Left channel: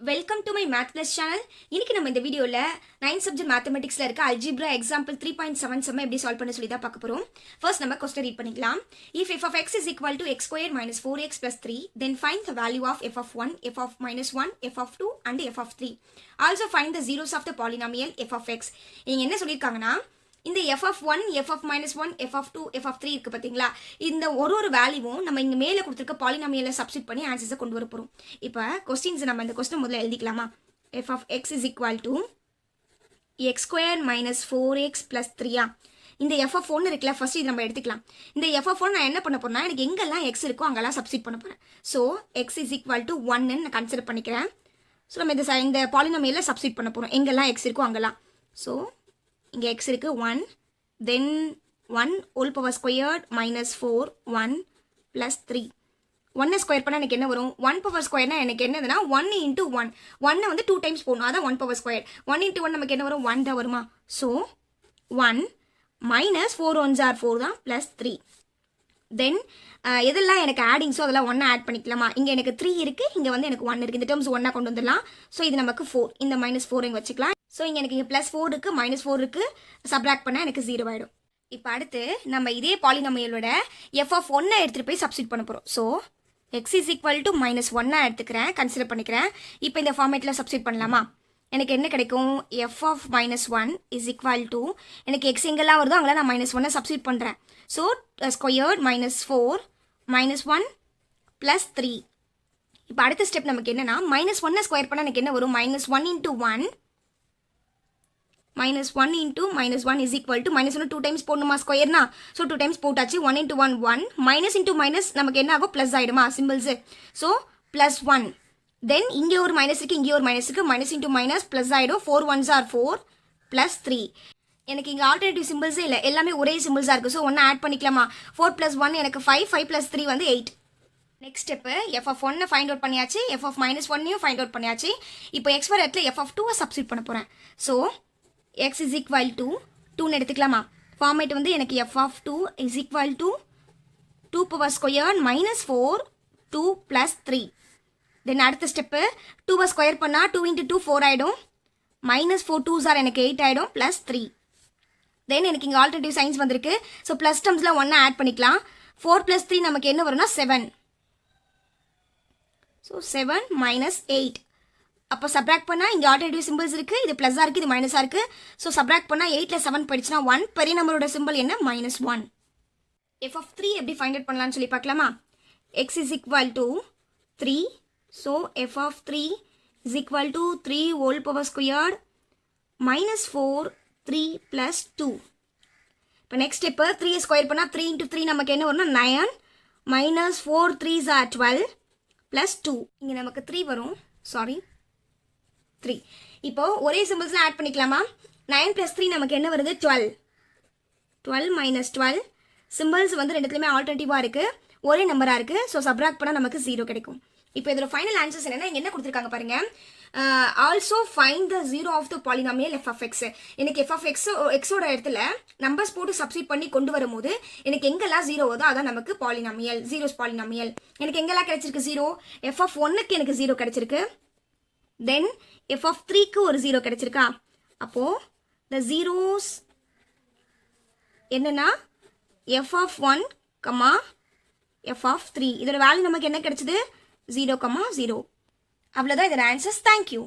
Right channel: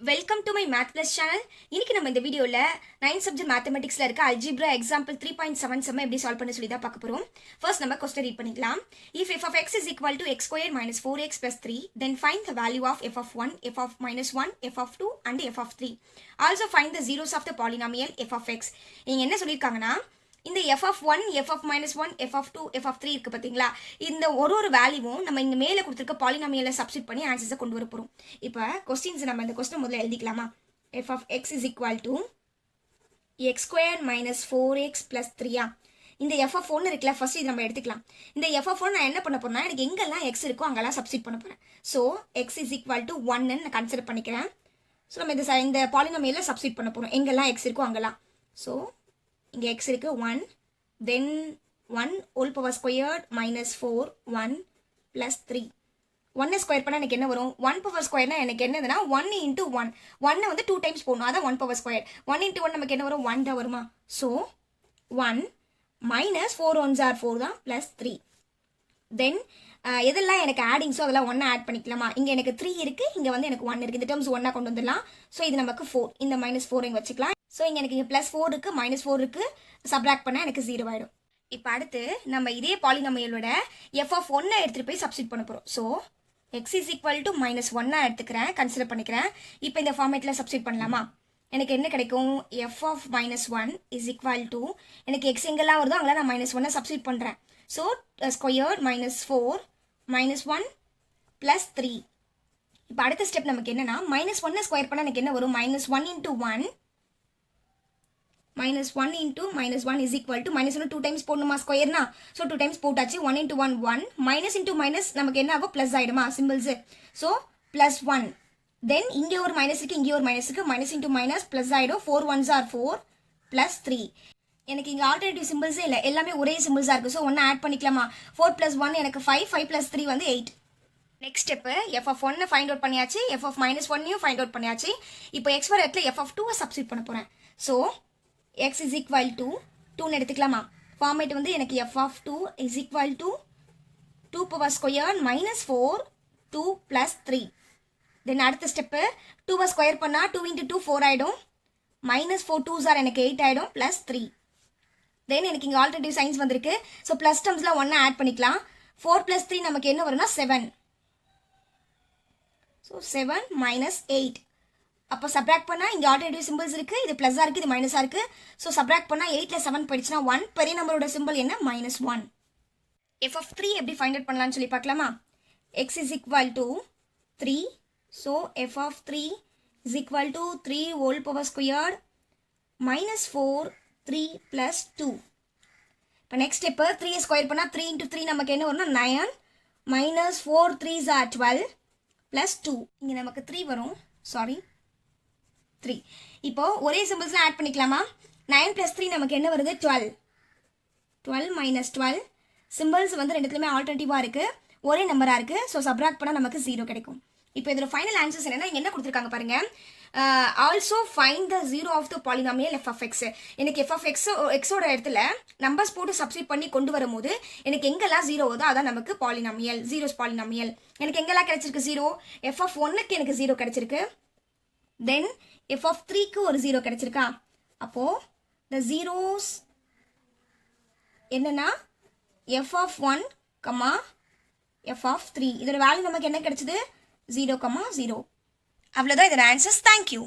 Welcome to my math plus channel. இன்னைக்கு நம்ம இந்த வீடியோவில் 9th சப்ஜெக்ட் மேத்தமெட்டிக்ஸில் இருக்க அல்ஜிப்ரா எக்ஸாம்பிள் 3.77 எப்படி சால்வ் பண்ண சொல்லி தான் பார்க்க போகிறோம். ஃபர்ஸ்ட் நம்ம கொஸ்டின் ரீட் பண்ணிக்கலாம். If f of x is equal to x square minus 4x plus 3, then find the value of f of 1, f of minus 1, f of 2 and f of 3. Also find the zeros of the polynomial f of x. இங்க என்ன சொல்லியிருக்காங்கன்னா, இந்த f of 1, f of minus 1, f of 2, f of 3 இருக்கு பார்த்தீங்களா, இந்த ஒரு வேல்யூவும் நம்ம இங்கே மேலே கொடுத்துருக்க பாலினாமியலை சப்ஸ்டிட் பண்ணி ஆன்சர்ஸை கொண்டு வர போகிறோம். இப்போ கொஸ்டின்ஸ் நம்ம இந்த கொஸ்டின் முதல்ல எழுதிக்கலாமா. f of x is equal to x square minus 4x plus 3. இந்த f of 1 இருக்குல்ல, ஃபர்ஸ்ட் இது நம்ம எடுத்துக்கலாம். இந்த f of 1 நான் என்ன பண்ண போறேன்னா, எனக்கு எங்கெல்லாம் x இருக்கோ அங்கெல்லாம் சப்ஸ்டிட் பண்ண போகிறேன். So x is equal to 1 நான் கன்சிடர் பண்ணிக்கிறேன். ஸோ நம்ம இந்த பாலினாமியலை சப்ஸ்டிட் பண்ண போகிறோம், எங்கெல்லாம் x இருக்கோ அங்கெல்லாம். ஸோ இங்கே x இருக்கு 1, தென் 1 whole power squared minus 4, 1 plus 3. 1 square பண்ணால் எனக்கு என்ன வரும்? 1 power squareனா எனக்கு என்னதுன்னா 1 into 1. 1 வந்து 2 டைம்ஸ் போடணும், அதான் 1 power square. 1 into 1 நமக்கு என்ன வரும்? 1 தான் வருமா? ஸோ 1 minus 4 1s are 4 தான் plus 3. தென் எதெல்லாம் எனக்கு ஆடிங்ஸோ அதெல்லாம் ஒன்றா ஆட் பண்ணிக்கலாமா. இங்கே எனக்கு 3 இருக்குது, இங்கே வந்து எனக்கு 1 இருக்குது. இந்த டேர்ம்ஸ் ஒன்றா கொண்டு வந்துடலாம். ஸோ இது நமக்கு 4, இந்த மைனஸ் 4 இங்கே வச்சுக்கலாம். ஸோ இங்கே எனக்கு இங்கே ப்ளஸ் 4 இருக்குது, மைனஸ் 4 இருக்குது, சப்ராக்ட் பண்ணால் எனக்கு 0 ஆகிடும். இப்போ அடுத்து நம்ம இதே பாலினாமியலோட f of 1 எடுத்துகிட்டு போய் சப்ஸ்டிட் பண்ண போகிறோம். So x is equal to minus 1 எடுத்துக்கிறேன், கன்சிடர் பண்ணிக்கிறேன். இப்போ இந்த ஃபார்மேட்டில் சப்ஸ்டிட் பண்ணலாமா. எனக்கு என்ன கிடைக்கும்? f of minus 1 is equal to, எனக்கு x எங்கெல்லாம் வருதோ அங்கெல்லாம் நான் minus 1 சப்ஸ்டிட் பண்ணுறேன். So squared minus 4 minus 1 plus 3. இப்போ அடுத்த ஸ்டெப் நமக்கு என்னன்னா, minus 1 ஸ்கொயர் பண்ணால் எனக்கு என்ன வரும்? minus 1 into 1 minus 1 into minus 1 is equal to minus 1 2 times போடணுமா ஸ்கொயர்னா. ஸோ 2 times போட்டாச்சு. 1 into 1 1, minus into minus நமக்கு என்ன ஆகும்? ப்ளஸ் ஆகிடுமா சிம்பிள்ஸு. ஸோ ப்ளஸ் 1, தென் இங்கே ஒரு மைனஸ் இருக்குது, இங்கே ஒரு மைனஸ் இருக்குது, மைனஸ் இன்ட்டு மைனஸ் ப்ளஸ் ஆகிடும். 4 1s are 4 ப்ளஸ் 3. எனக்கு இங்கே ஆல்டர்னேட்டிவ் சிம்பிள்ஸே இல்லை, எல்லாமே ஒரே சிம்பிள்ஸாக இருக்குது. ஸோ ஒன்று ஆட் பண்ணிக்கலாமா. 4 + 1 எனக்கு 5, 5 + 3 வந்து 8. Next step f of 1 find out பண்ணியாச்சு, f of minus 1 find out பண்ணியாச்சு. இப்போ x வர இடத்துல f of 2 சப்ஸ்டிட் பண்ண போகிறேன். So x is equal to 2 எடுத்துக்கலாமா. ஃபார்மேட் வந்து எனக்கு f of 2 is equal to 2 power squared minus 4 2 plus 3. தென் அடுத்த ஸ்டெப்பு 2 ஸ்கொயர் பண்ணால் 2 into 2 4 ஆகிடும், minus 4 2s are எனக்கு 8 ஆகிடும், plus 3. தென் எனக்கு இங்கே ஆல்டர்னேட்டிவ் சைன்ஸ் வந்திருக்கு. ஸோ ப்ளஸ் டேர்ம்ஸில் ஒன்றா ஆட் பண்ணிக்கலாம். 4 + 3 நமக்கு என்ன வரும்னா 7. So 7 minus 8. அப்போ சப்ராக்ட் பண்ணால் இங்கே ஆல்டர்னேட்டிவ் சிம்பிள்ஸ் இருக்குது, இது ப்ளஸ்ஸாக இருக்குது, இது மைனஸாக இருக்குது. ஸோ சப்ராக்ட் பண்ணால் 8ல் 7 போயிடுச்சுன்னா 1. பெரிய நம்பரோட சிம்பிள் என்ன? -1. f of 3 எப்படி ஃபைண்ட் அவுட் பண்ணலான்னு சொல்லி பார்க்கலாமா. x is equal to 3. So f of 3 is equal to 3 whole power squared minus 4 3 plus 2. இப்போ நெக்ஸ்ட் ஸ்டெப்பு 3 ஸ்கொயர் பண்ணால் 3 into 3 நமக்கு என்ன வரும்னா 9, minus 4 3s are 12 plus 2. இங்கே நமக்கு 3 வரும், சாரி 3. இப்போ ஒரே சிம்பிள்ஸ்லாம் ஆட் பண்ணிக்கலாமா. 9 + 3 நமக்கு என்ன வருது? 12. 12 minus 12. சிம்பிள்ஸ் வந்து ரெண்டுத்துலையுமே ஆல்டர்னேட்டிவாக இருக்குது, ஒரே நம்பராக இருக்குது. ஸோ சப்ராக்ட் பண்ணால் நமக்கு 0 கிடைக்கும். இப்போ இதோட ஃபைனல் ஆன்சர்ஸ் என்னன்னா, என்ன கொடுத்துருக்காங்க பாருங்க. Also find the zero of the polynomial f of x. எனக்கு f of xோட இடத்துல நம்பர்ஸ் போட்டு சப்ஸ்டிட் பண்ணி கொண்டு வரும்போது எனக்கு எங்கெல்லாம் 0 வருதோ அதான் நமக்கு பாலினாமியல், ஜீரோஸ் பாலினாமியல். எனக்கு எங்கெல்லாம் கிடைச்சிருக்கு 0? f of 1க்கு எனக்கு 0 கிடைச்சிருக்கு, தென் f of 3க்கு ஒரு 0 கிடைச்சிருக்கா. அப்போது த ஜீரோஸ் என்னன்னா f of 1, f of 3. இதோட வேல்யூ நமக்கு என்ன கிடைச்சது? 0, 0. அவ்வளோதான் இதோட ஆன்சர்ஸ். தேங்க்யூ.